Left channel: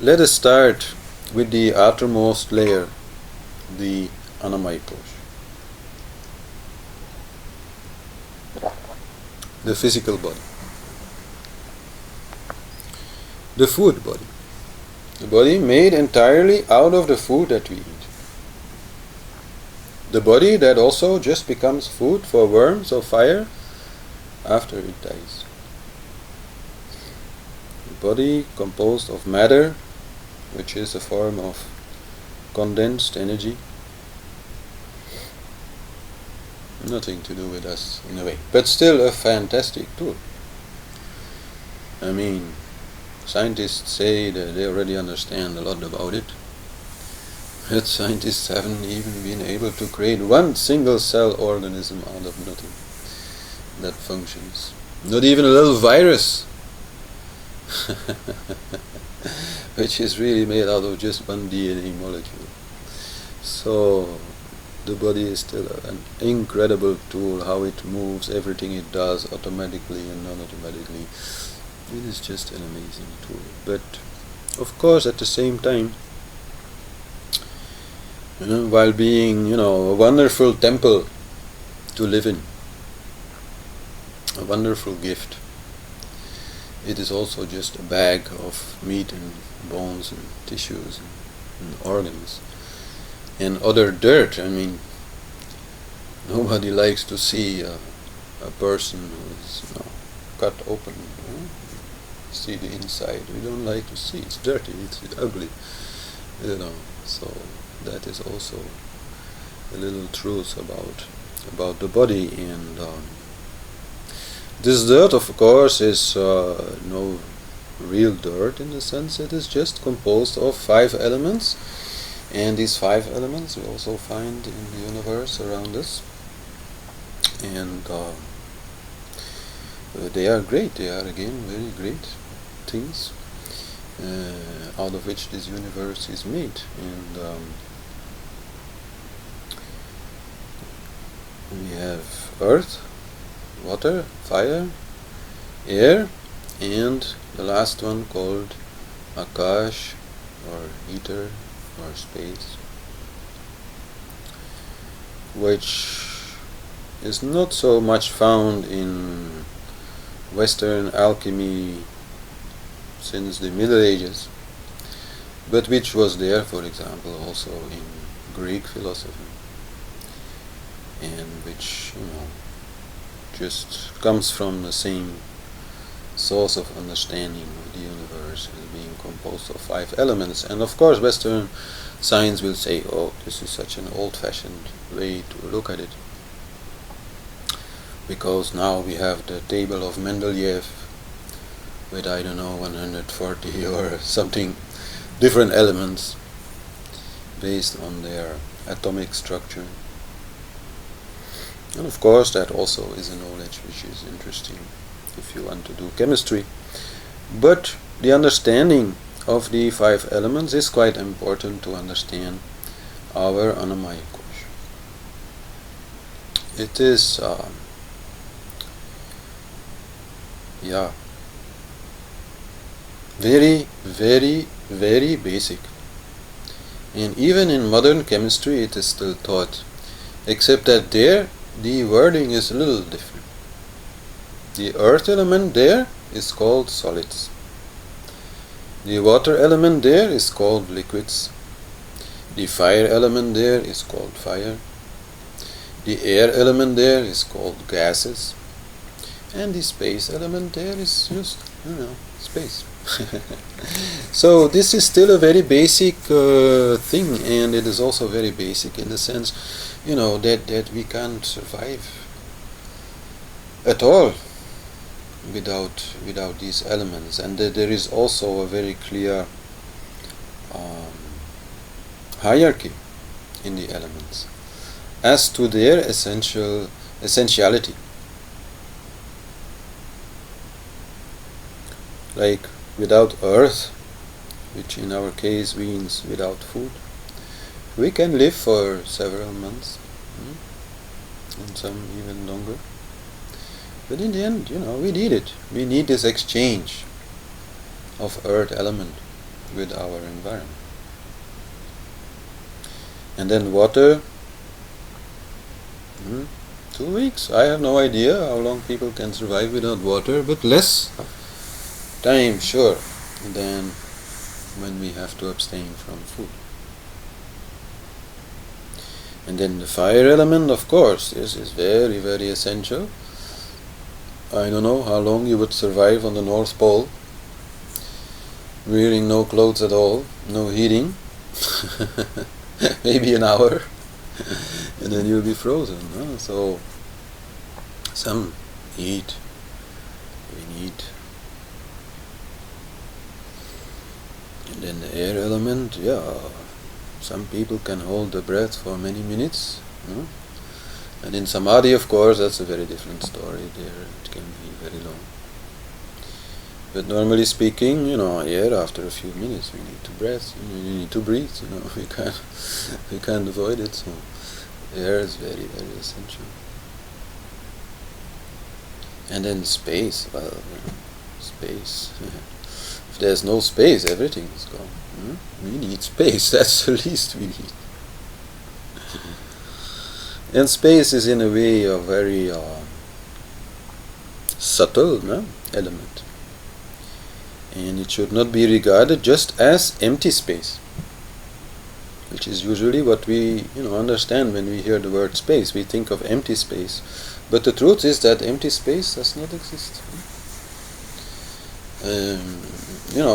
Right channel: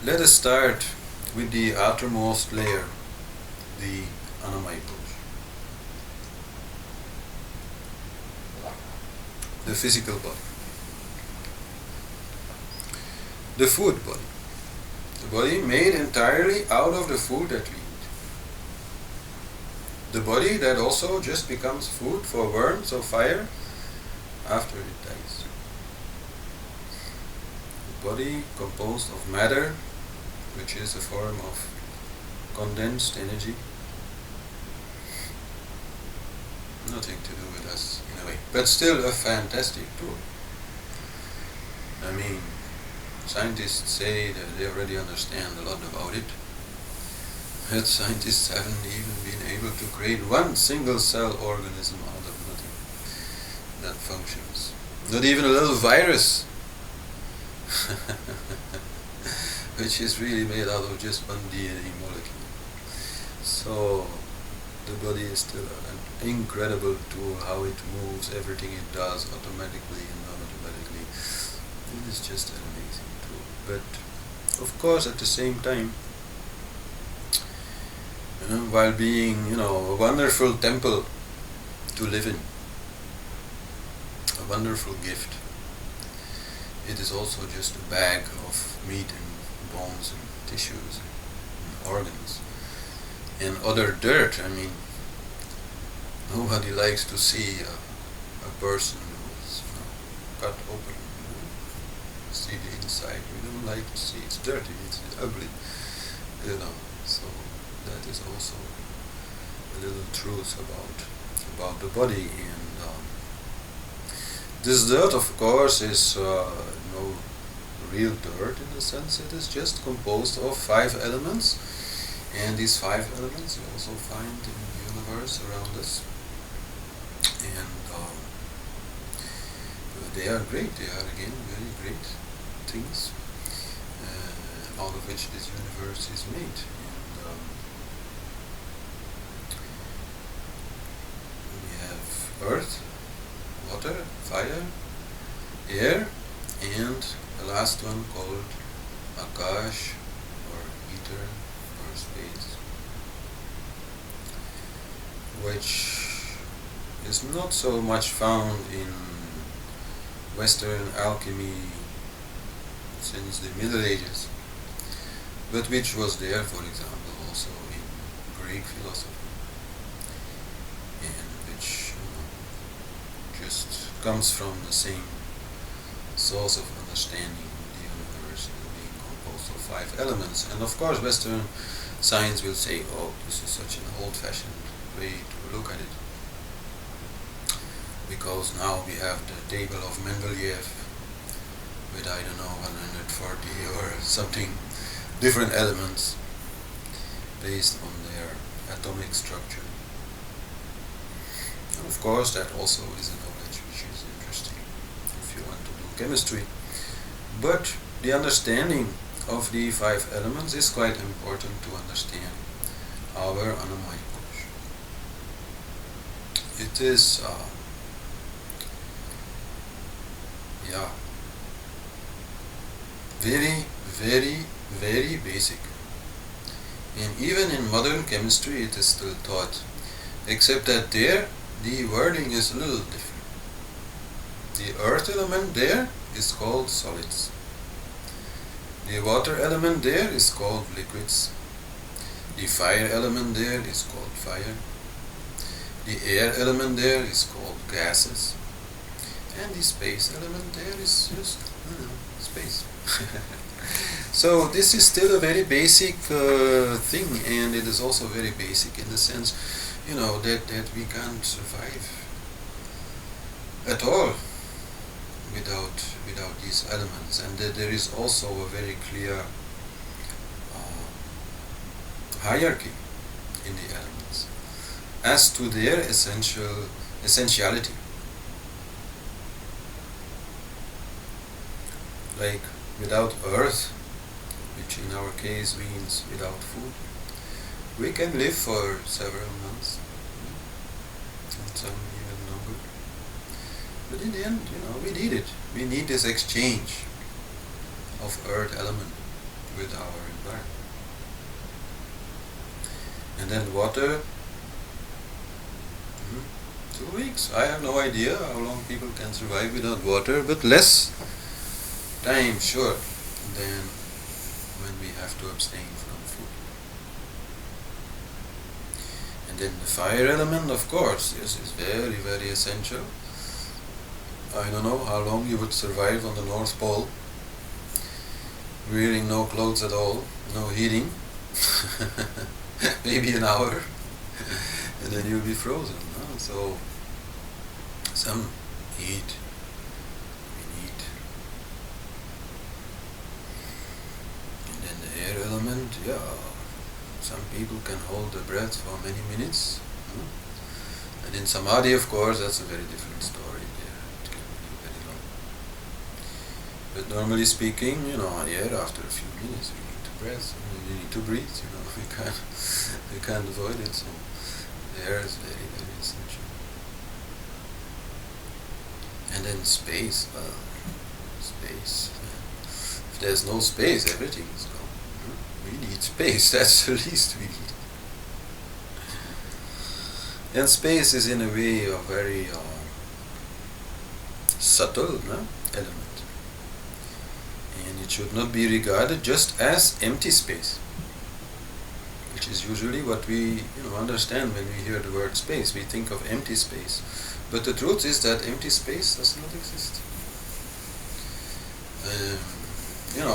Let us start with the outermost layer, the Annamayi kosha, the physical body, the food body, the body made entirely out of the food that we eat, the body that also just becomes food for worms or fire after it dies, the body composed of matter, which is a form of condensed energy. Nothing to do with us in a way, but still a fantastic tool. I mean, scientists say that they already understand a lot about it, but scientists haven't even been able to create one single cell organism out of nothing that functions. Not even a little virus, which is really made out of just one DNA molecule. So the body is still an incredible tool. How it moves, everything it does, automatically and non-automatically. It is just an amazing tool. But of course, at the same time, while being, a wonderful temple to live in, a wonderful gift, it is also just a bag of meat and bones and tissues and organs and other dirt. I mean, nobody likes to see a person who is cut open, see the inside. We don't like to see. It's dirty, it's ugly, so that is also a little truth about the body. And this dirt, of course, is no real dirt in the sense. It is just composed of 5 elements, and these 5 elements we also find in the universe around us, and they are great. They are again very great things out of which this universe is made. And we have earth, water, fire, air, and the last one called Akash, or ether, or space, which is not so much found in Western alchemy since the Middle Ages, but which was there, for example, also in Greek philosophy, and which just comes from the same source of understanding of the universe as being composed of 5 elements. And of course, Western science will say, oh, this is such an old-fashioned way to look at it, because now we have the table of Mendeleev with, 140 or something different elements based on their atomic structure. And of course, that also is a knowledge which is interesting if you want to do chemistry. But the understanding of the 5 elements is quite important to understand our Annamayi kosha. It is very, very, very basic. And even in modern chemistry it is still taught, except that there the wording is a little different. The earth element there is called solids. The water element there is called liquids. The fire element there is called fire. The air element there is called gases. And the space element there is just, space. So this is still a very basic thing, and it is also very basic in the sense, that we can't survive at all without these elements, and that there is also a very clear hierarchy in the elements as to their essentiality. Like without earth, which in our case means without food, we can live for several months, and some even longer. But in the end, we need it. We need this exchange of earth element with our environment. And then water, 2 weeks. I have no idea how long people can survive without water, but less time, sure, than when we have to abstain from food. And then the fire element, of course, this is very, very essential. I don't know how long you would survive on the North Pole, wearing no clothes at all, no heating, maybe an hour, and then you'll be frozen. Huh? So, some heat we need. And then the air element, yeah, some people can hold the breath for many minutes. Huh? And in Samadhi, of course, that's a very different story. There it can be very long. But normally speaking, here after a few minutes we need to breathe. You need to breathe. We can't avoid it. So air is very, very essential. And then space. Well, space. If there's no space, everything is gone. We need space. That's the least we need. And space is in a way a very subtle element. And it should not be regarded just as empty space, which is usually what we understand when we hear the word space. We think of empty space. But the truth is that empty space does not exist.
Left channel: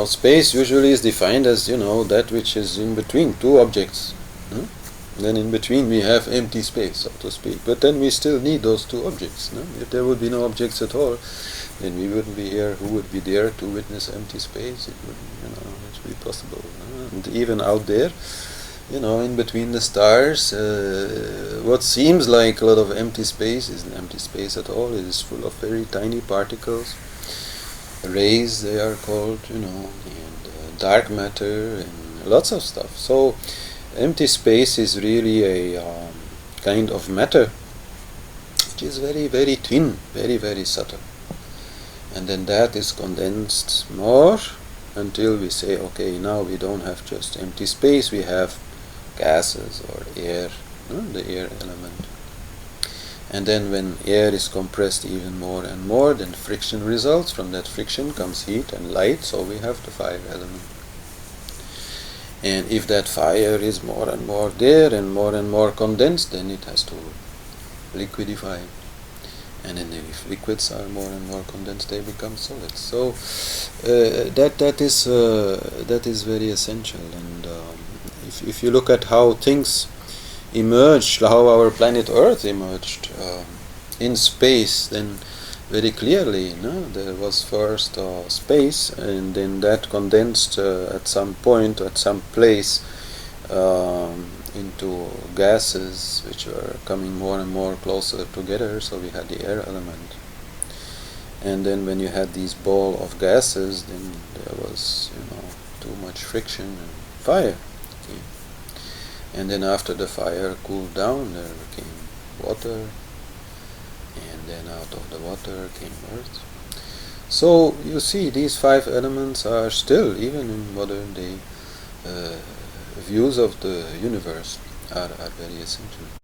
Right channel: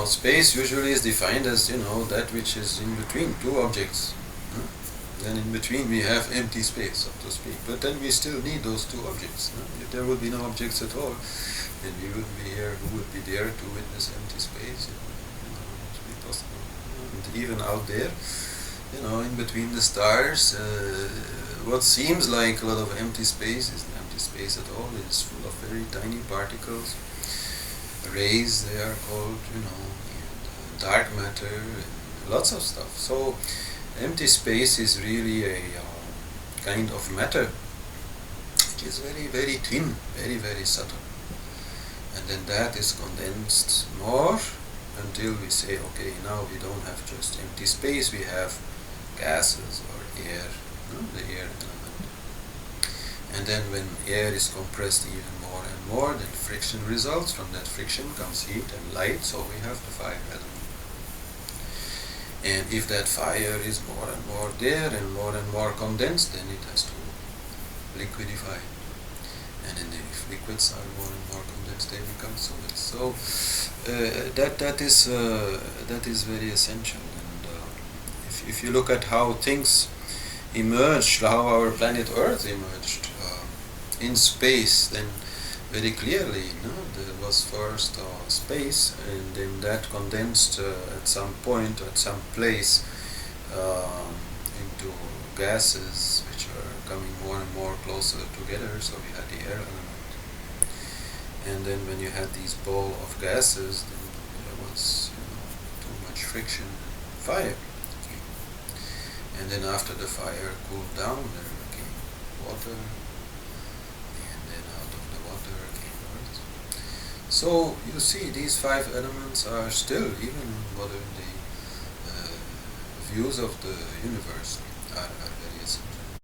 Space usually is defined as, that which is in between two objects. Then in between we have empty space, so to speak. But then we still need those two objects. If there would be no objects at all, then we wouldn't be here. Who would be there to witness empty space? It wouldn't be possible. And even out there, in between the stars, what seems like a lot of empty space isn't empty space at all. It is full of very tiny particles, rays they are called, and dark matter and lots of stuff. So empty space is really a kind of matter which is very, very thin, very, very subtle. And then that is condensed more until we say, okay, now we don't have just empty space, we have gases or air, the air element. And then when air is compressed even more and more, then friction results. From that friction comes heat and light, so we have the fire element. And if that fire is more and more there and more condensed, then it has to liquidify. And then if liquids are more and more condensed, they become solids. So that is very essential. And if you look at how things emerged, how our planet Earth emerged in space, then very clearly, there was first space, and then that condensed at some point, at some place, into gases which were coming more and more closer together. So we had the air element, and then when you had these ball of gases, then there was too much friction and fire came. And then after the fire cooled down, there came water, and then out of the water came earth. So you see, these 5 elements are still, even in modern day views of the universe, are very essential.